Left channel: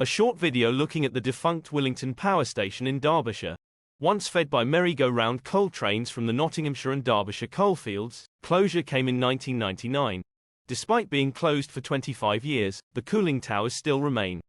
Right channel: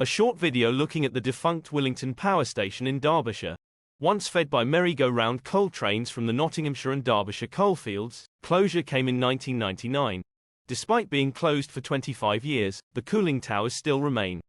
A short video looking at the defunct Willington Power Station in Derbyshire. Once fed by merry-go-round coal trains from the Nottinghamshire and Derbyshire coalfields, closure came in 1999. Despite being closed for 25 years, the cooling towers still remain.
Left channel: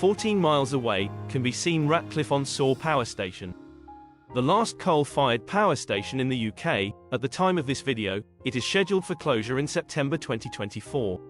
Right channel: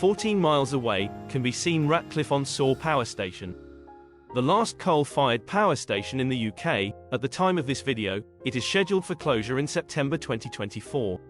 "14 miles away, can be seen Ratcliffe-on-Soar Power Station. The last coal-fired power station in the UK. At the time of this video, it is scheduled for closure in September 2024.